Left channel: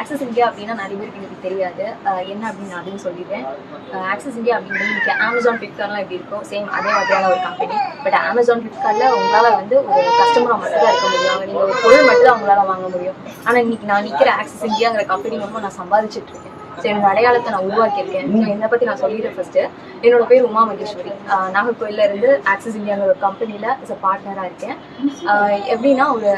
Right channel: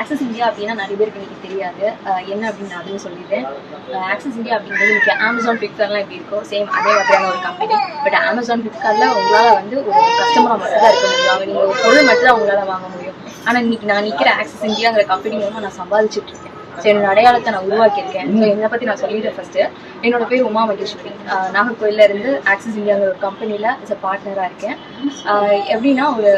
Access India அப்படின்னா நிறைய பேருக்கு எனக்கு தெரியாது. என்ன அப்படின்னு அதையும் சொல்லிடுறேன். ஆக்சஸ் இந்தியா அப்படிங்கிறது இன்னைக்கு அமேசான் ஃப்ளிப்கார்ட்லாம் எப்படி இருக்கும் சேம் அதே மாதிரியான ஒரு கம்பெனி பட் அமேசான் ஃப்ளிப்கார்ட்டில் உங்களால் வந்து ஒரு கஸ்டமராக மட்டும் தான் இருக்க முடியும். அவங்க நீங்கள் ஒரு பொருள் மட்டும் தான் உங்களால் வாங்க முடியும். ஆனால் இன்னைக்கு நான் நிற்கிற ஆக்சஸ் இந்தியாங்கிற கம்பெனி மூலமாக நான் சம்பாதிச்சுட்டு இருக்கேன். ஸோ என்னோட அடையாளத்தை நான் உருவாக்கியிருக்கேன். ஸோ என்னை பற்றி நான் சொல்லிடுறேன் ஃபஸ்ட்டு என்னோட பேர் உமா மகேஸ்வரி. ஆஹ் இருந்து ஆக்சிஸ் இந்தியாங்கிற ஒரு கம்பெனியில் இஸ் அ பார்ட்னராக இருக்கேன். ஆஹ் எப்படின்னா ஒரு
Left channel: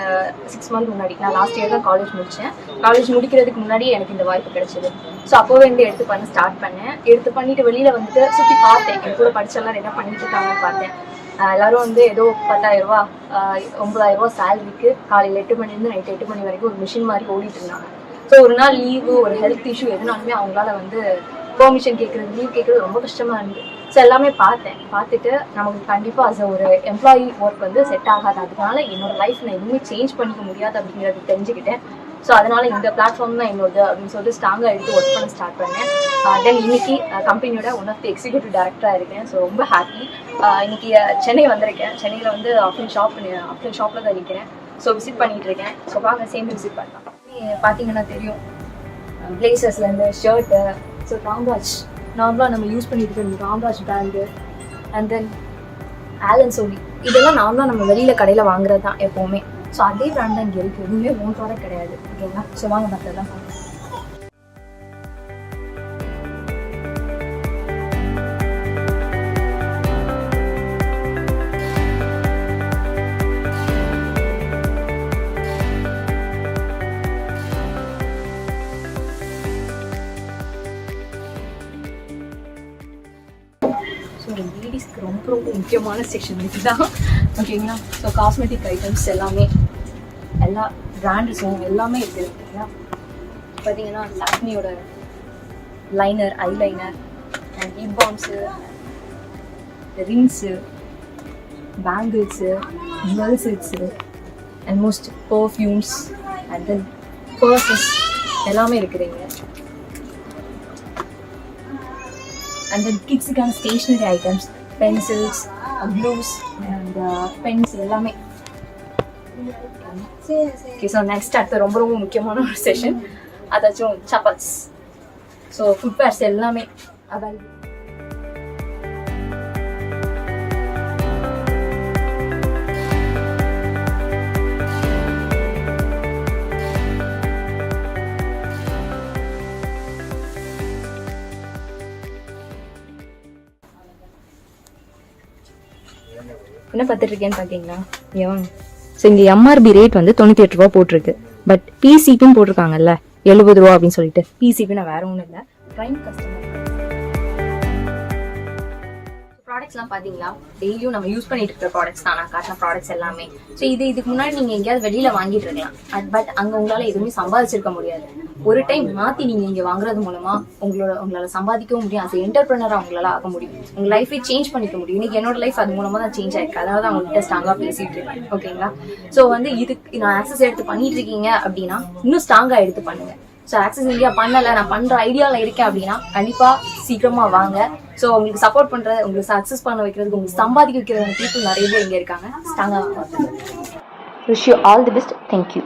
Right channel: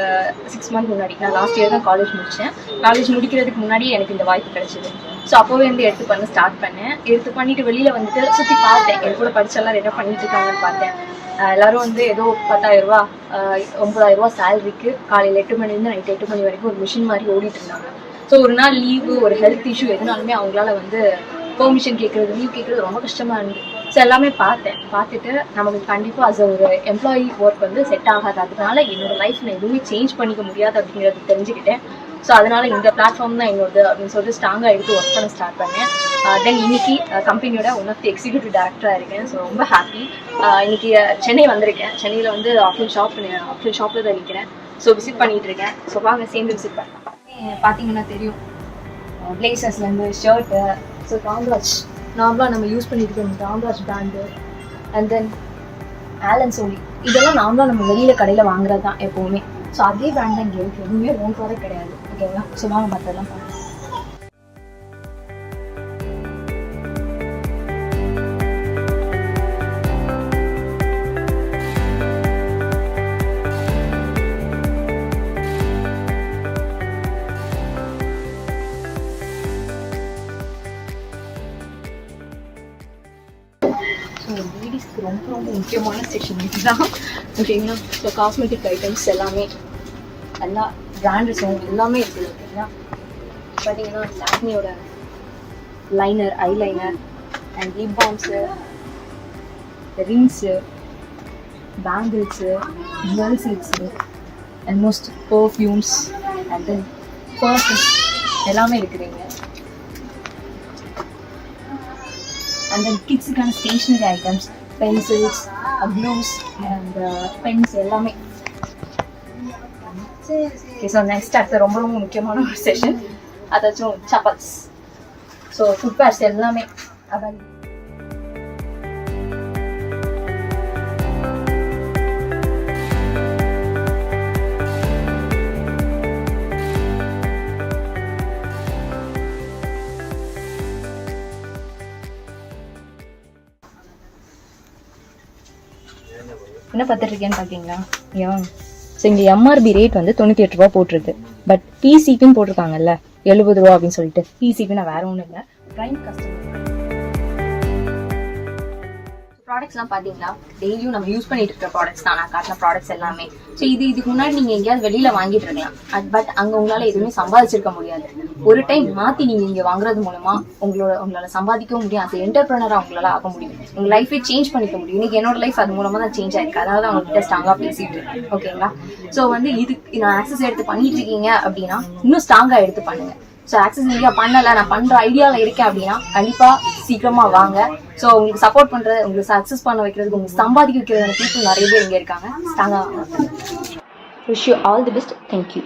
சிக்ஸ் மந்த் முன்னாடி நான் லாஸ்ட் இயர் தான் காலேஜ் முடித்தேன் காலேஜ் முடிக்கிறதுக்கு முன்னாடி எனக்கு இந்த வாய்ப்பு கிடைச்சிது. ஸோ அப்போவே இருந்து எடுத்து பண்ண ஸ்டார்ட் பண்ணேன். எடுத்து பண்ணிட்டு வெளியில் வந்துட்டு சுற்றி பார்த்தேன். என் கூட படிச்செல்லாம் என்ன பண்ணிட்டு இருக்காங்கன்னு பார்த்தேன். எல்லாரும் வந்து ஏதோ பத்தாயிரம் ரூபா ஒன்பதாயிரம் ரூபா சேலரிக்கு காலையில் எட்டு மணிலேருந்து நைட் எட்டு மணி வரைக்கும் ஒரு மிஷின் மாதிரி ஓடிட்டு இருந்தாங்க. ஸோ ஒரு நாள் லீவு ஒரு ஹெல்த் இஷ்யூ எதுனாலுமே அவங்களால வந்து பெர்மிஷன் கேட்குறது லீவ் கேட்குறது ரொம்ப கஷ்டமாக இருந்து ஸோ எல்லாமே பார்த்தேன். பார்த்துட்டு நமக்கு கண்டிப்பாக அஸ் ஒரு எம்ப்ளாயி ஒர்க் வந்து செட் ஆகாது. அதனால என்னோட லைஃப் நான் எதுவுமே சேஞ்ச் பண்ணிக்க முடியாது அப்படிங்கிறது தெரிஞ்சுக்கிட்டேன். ஸோ அதனால இந்த பிளாட்ஃபார்ம் தான் என்னோடது அப்படின்னு சொல்லிட்டு ஸ்ட்ராங்காக எடுத்து ஒர்க் பண்ண ஸ்டார்ட் பண்ணேன். Uh, தென் இன்னைக்கு கம்பெனியோட ஒன் ஆஃப் தி எக்ஸிக்யூட்டிவ் டேரக்டராக இருக்கேன். ஸோ ரொம்ப ஹாப்பி uh, இன்னைக்கு uh, சென்னை வந்திருக்கேன். சென்னையில் வந்து ஆஃப்லைன் ஷாப் ஆஃப்லைன் ஷாப்பில் தான் நிற்கிறேன் ஸோ விசிட் பண்ணிட்டு இருக்கேன். ஸோ வாங்க சேர்ந்து விசிட் பண்ணலாம். பார்த்தீங்கன்னா தெரியும். பிளேசஸ்லேருந்து ஷர்ட்டு ஸோ ராம்ராஜ் நார்மலாக நம்ம யூஸ் பண்ணிட்டு இருக்கோம் Ramraj brand and then Allen Solly இதெல்லாம் நார்மலாக நம்ம வெளியில் கடையில் வாங்குறது தான் எப்போவுமே. ஸோ அதே பிராண்ட் தான் இங்கே இருக்குது எதுவுமே ஓன் ப்ராடக்ட் கிடையாது. ஓகேங்களா ஸோ வாங்க மற்றதெல்லாம் பார்க்கலாம். எனக்கு ரொம்ப ரொம்ப முக்கியமான செக்ஷன் இதுதான். ஓகேங்களா? ஸோ காஸ்மெட்டிக் ஐட்டம்ஸ் எல்லாமே எல்லா பிராண்டஸும் எல்லாமே இருக்குது ஓகேங்களா? பார்த்தீங்கன்னா லாக்மியோட liner eyeliner and lip balms rings bangles jewels and most perfumes and then purses எல்லாமே இருக்குதுங்க and then கிட்ஸுக்கான stationery items pencils glues and pens எல்லாமே. ஓகே ஸோ நெக்ஸ்ட் அடுத்த ரொம்ப ரொம்ப முக்கியமான ஒரு செஷன் அதாச்சும் சப்பாத்ஸ் ஸோ ஃபுட் பேர்ஸ் எல்லாமே. அதான் என்ன பார்த்துட்டு இருக்கேன்னு பார்த்தீங்களா? வாங்க ஸோ இங்கே எம்ஆர்பி ரேட் வந்து தொண்ணூற்றி எட்டு ரூபா போட்டிருக்கு. பட் பிசிபின்னு போட்டிருக்காங்கல்ல எழுபது ரூபா அப்படின்னு சொல்லிட்டு. பிசிபி நான் வேற ஒன்றும் இல்லை. ப்ரைம் கஸ்டமர் ப்ராடக்ட்ஸ்லாம் பார்த்தீங்களா? டெய்லியும் நம்ம யூஸ் பண்ணிட்டு இருக்க ப்ராடக்ட்ஸ் தான். நான் காட்டின ப்ராடக்ட்ஸ் எல்லாமே. ஸோ இது இதுக்கு முன்னாடி நீங்கள் எங்கேயாவது வெளியில் வாங்கிட்டு இருக்கலாம். பட் அங்கே உங்களால் எதுவுமே சம்பாதிச்சிருக்க முடியாது. ஒரு டைம் மாற்றி நீங்கள் இங்கே வாங்குறது மூலமா உங்களோட உங்களால் சம்பாதிக்கவும் முடியும். அது என்டர்பிரினராக உங்களால் ஆக முடியும். உங்கள் லைஃபை சேஞ்ச் பண்ணிக்க முடியும். இன்னைக்கு என்னோட லைஃப் அது மூலமாக தான் சேஞ்ச் ஆயிருக்கு. அதாவது அவங்ககிட்ட ஸ்ட்ராங்கா பேசிட்டு இருக்கேன். ஓகேங்களா ஸோ வந்து இதுக்கு நான் ஆக்சஸ் எடுத்து பண்ணிட்டு இருக்கீங்க அப்படின்னா இன்னும் ஸ்ட்ராங்கா எடுத்து பண்ணுங்க. ஸோ ஆக்சஸ் இந்தியா பண்ணல நான் பண்ற ஐடியாவில் இருக்கேன் அப்படின்னா கண்டிப்பா சீக்கிரமா வாங்க. ஸோ உங்களுக்கு சப்போர்ட் பண்றது உங்களுக்கு சக்ஸஸ் பண்ண வைக்கிறதுக்கு உங்களுக்கு சம்பாதிக்க வைக்கிற பீப்புள் நிறைய பேர் இங்கே இருக்காங்க. ஸ்ட்ராங்காக wish you all the best thank you